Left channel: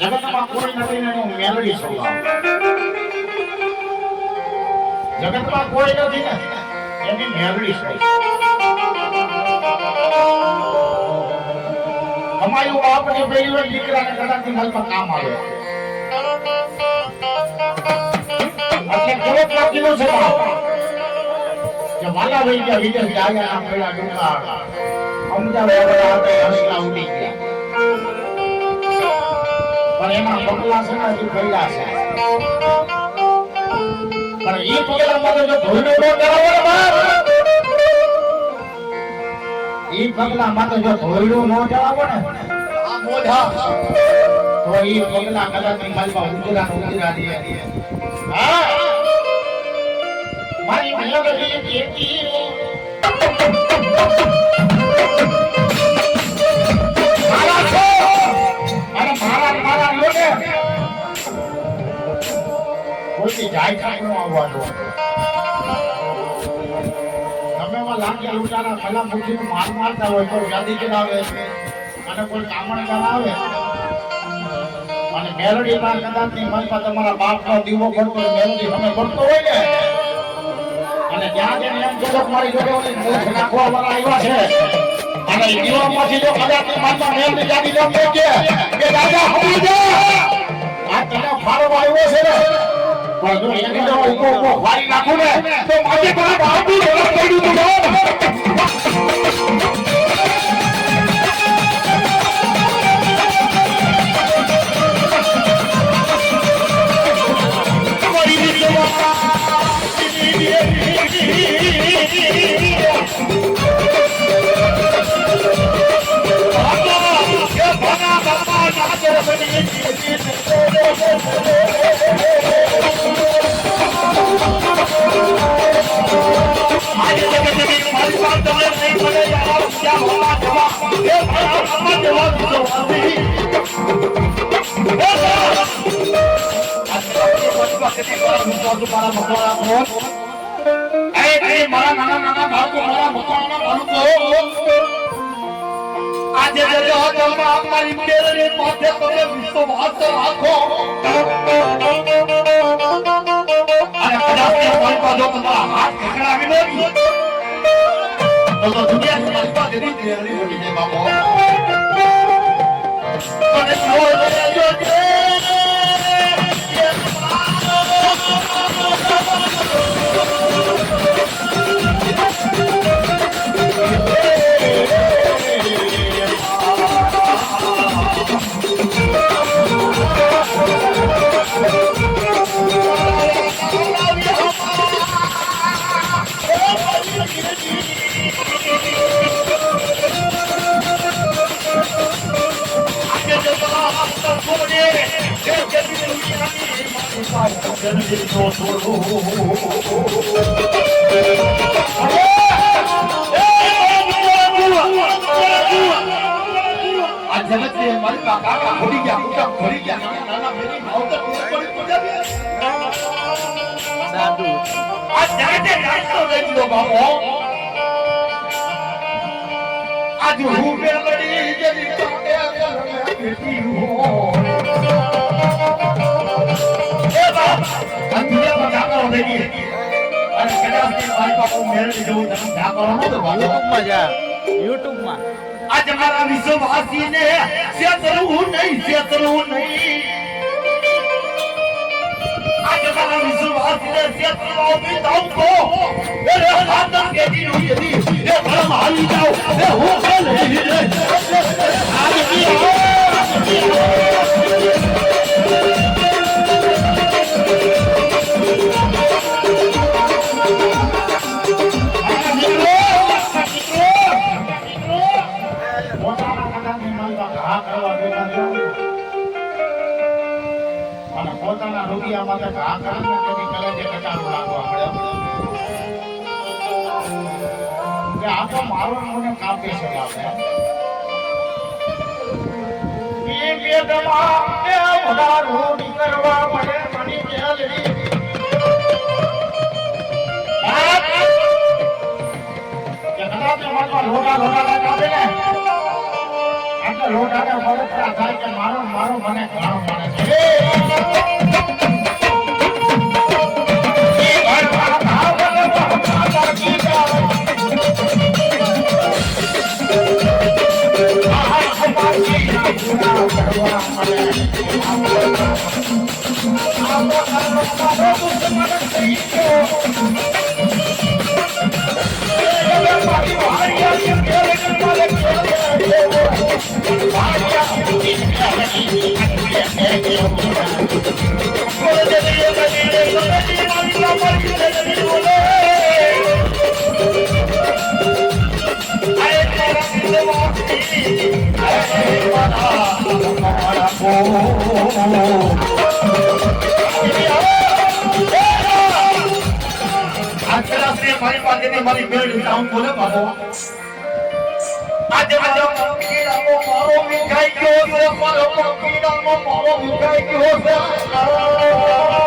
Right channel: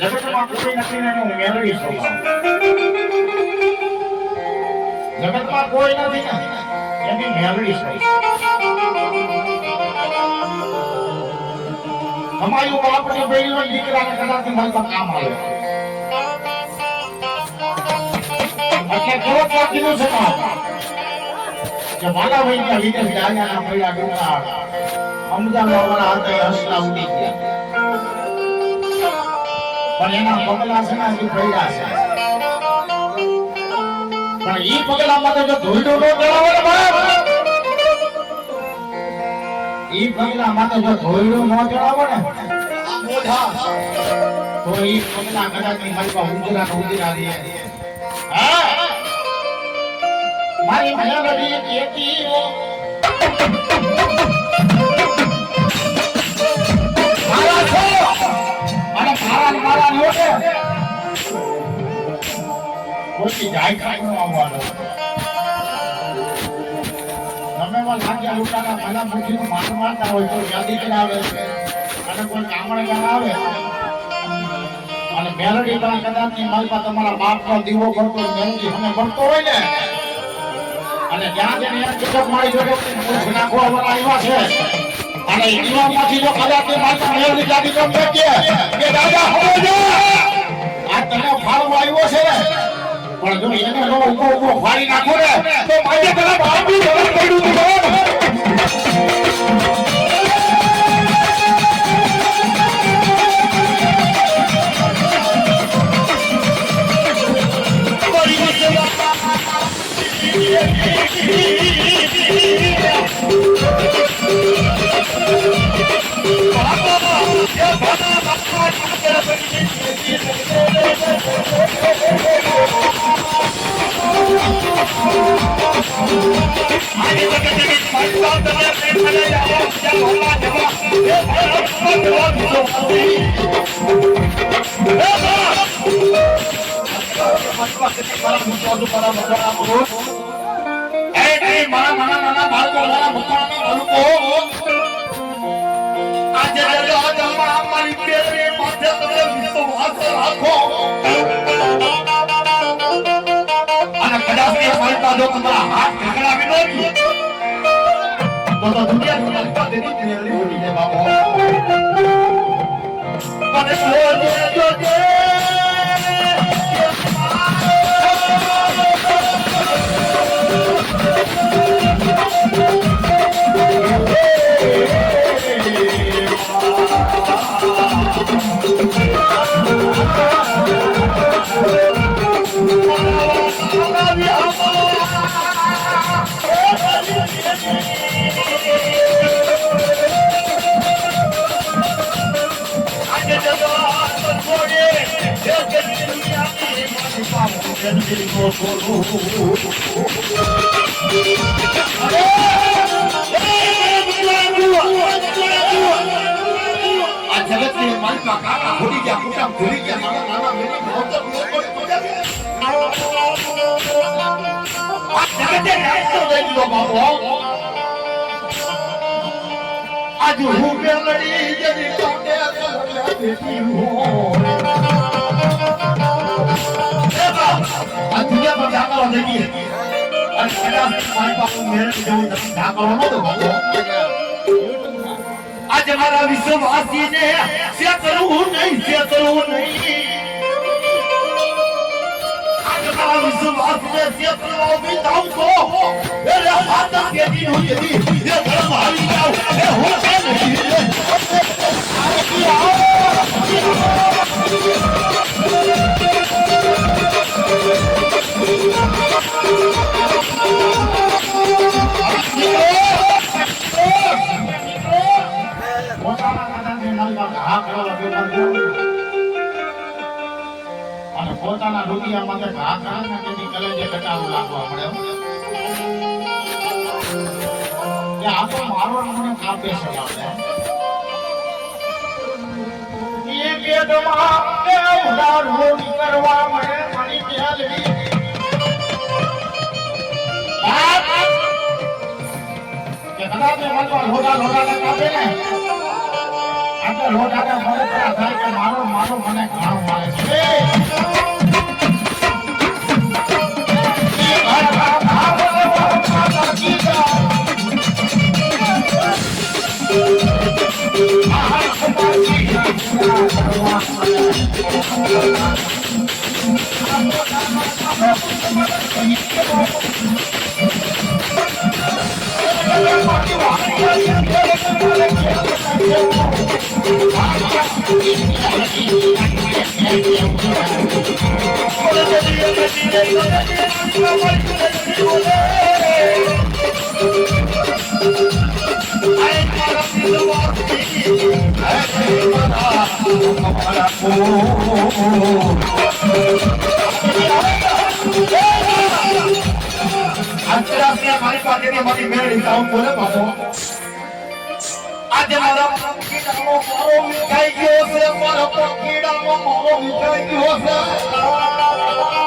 જગતમાં કોઈ નથી ને હું મેળવી છું. જગતમાં કોઈ નથી ને એની મેળવી છે. અમારું બાપની બેડીઓ દીકરાને કદાચ મને તો કામ આવે. એટલે જગતમાં કીધું છે કે વાલા વહી ગયા વિદેશ જાયા મેળા ડુંગા અમદાવાદ વાળા હાથે હસલા ઉડી ગયા. પણ એના પગલા છે ને હજુ પડ્યા છે. પણ ઈ પગલા માટે જો ધોઈડો ન ચડાવો ને બાપ, ઈ પગલા માટે જો ધોઈડું ન ચડાવો ને આ મોઢા તો ઈ પગલા કદાચ ની મારી ઉંદરા ઉંદરા દે. હા મારી મયાગઢી કેતી કોઈ જાય કાઈ નો આવવાનો. તમે માં લાગે ઉતારા ભલા મુઠી માર મારતા હોય તો જલ્દી કરાવે છે અને કોઈ કામણ બનાવે અને મેલડી માં કદાચ ની મનમાં તમારા બાપ નો દીવો પડતો મેલડી તમે પડતો હોય ને અને ત્યાં જઈને એમ જગત મારી જોડે મુખ નાખવા વાળા આવ્યા છે અને ઈડીઓમાંથી જો કદાચ ની માતા મેલડી જાગી તો કે દાદા સમજો આ તને ફાળવા આવ્યો છે ને પણ જો એને જો ઉભો ફાડી નાખો ને તો મારી તરફ આબુ ધરમ પડ્યું તો आज हमारा विश्ववासी ने छेतरવું નહીં आज हमारा विश्ववासी ने छेतरवा भी दाऊ तो मेरे हाथ के दिन हुई थी ये धर्म हारी जाओ ये हो गया नहीं आज की મારી પાસે હા કરવા બેઠા છો અને પોતાના રૂપિયા માટે ઘા કરે ને તેની કલેજે કટારું લાગવા મળે કે આ તો મારો મને કાપે છે બાપે એ કે તમામ કે ઉડારો કરવા મળે મારી બેલડી કે કદાચ મેં મારા લોટા કાપે ને આટલા લોટાના ફરક થાય કે મારો મને ઘણો મારે છે મારી પાસેની મારી મેળવી જાઉં બોલે બાપો આજે મારો કીડાનો મારો મીઠાઈ ગયો છે મારો કીડાનો મારો મીઠાઈ ગયો છે